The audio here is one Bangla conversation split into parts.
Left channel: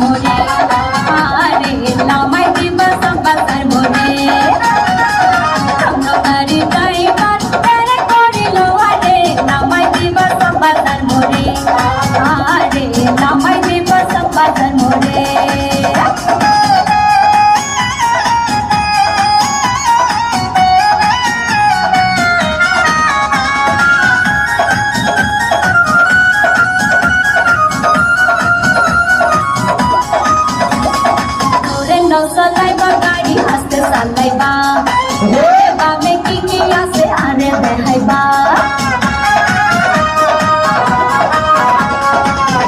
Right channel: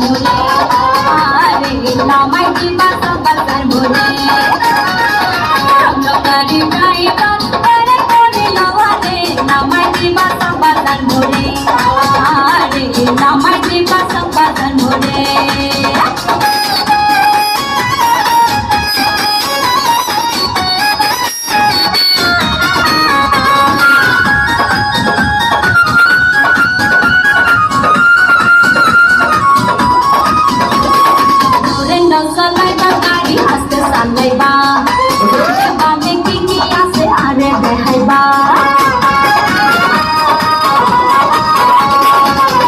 মোরে আরে নামাই দিবা সব বাজার মোরে গাড়ি ড্রাইভার তেরে করিল আরে নামাই দিবা সব বাজার মোরে আরে নামাই দিবা সব বাজার মোরে Salaiba gadi haste salaiba ba me kingi ase are behaiba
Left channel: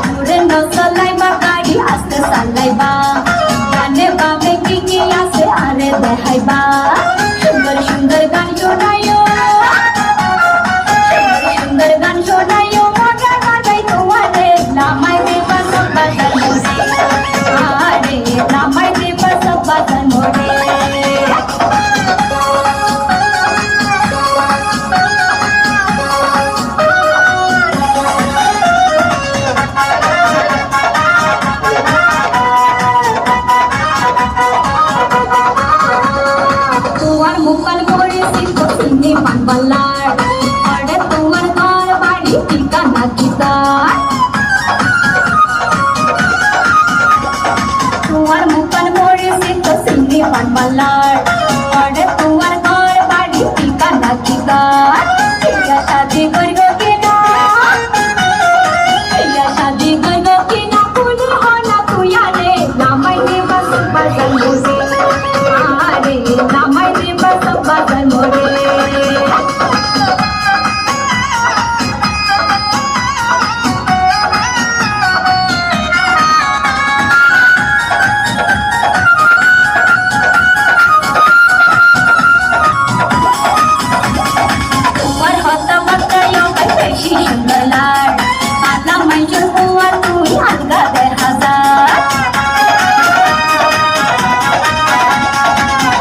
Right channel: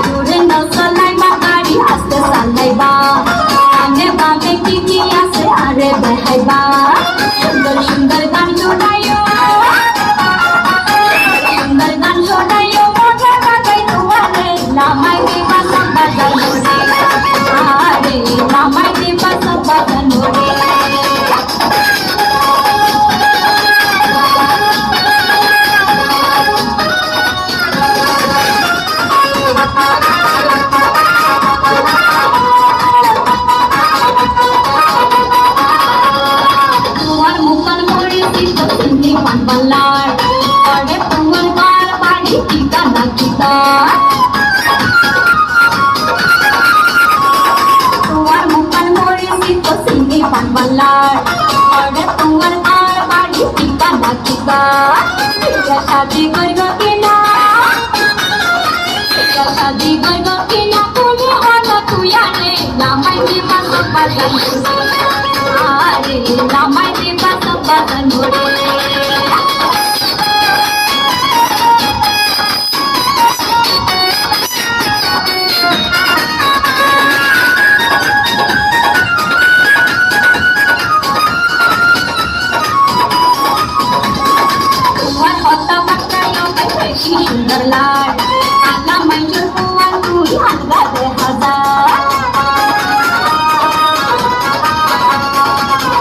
dure no salaiba gadi haste salaiba kane ba me kingi ase are behaiba sundar sundar gan shonayo sundar gan shonayo moja bagai tuare lamai diba sab bazar more are lamai diba sab bazar more tuar mukan more sito sini pan balar ade tuar bar badi ঠিকানা kita tuar mukan more sito sini pan balar ade tuar bar badi ঠিকানা kita ya shadi kargo kina ya shadi kargo kina kuli hona tu yare lamai diba sab bazar more are lamai diba sab bazar more তোমার হতা বার্তায় বেশি সুন্দর লাল আনা মাইজুর হওয়া তুই আলগা দে হাজার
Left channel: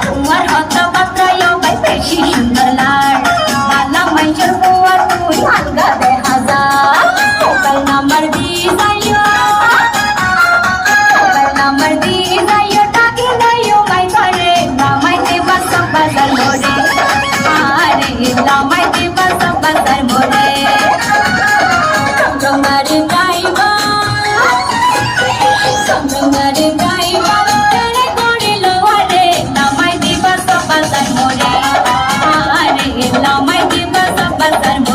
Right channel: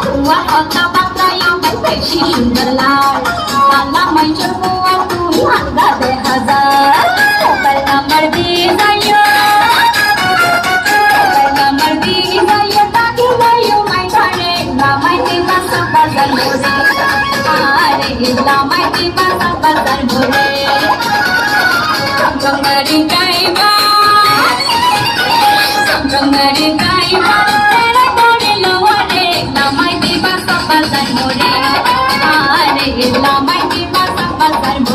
তোমার হতা বার্তায় বেশি সুন্দর লাল আনা মাইজুর হওয়া তুই আলগা দে হাজার মোবাইল নাম্বার দিয়ে যাইও মোবাইল নাম্বার দিয়ে যাইও ডাকি যাইও মাই ঘরে নামাই দিবা সব বাজার মোরে আরে lamai diba sab bazar more gangari driver tere korilo are lamai diba sab bazar more are lamai diba sab bazar more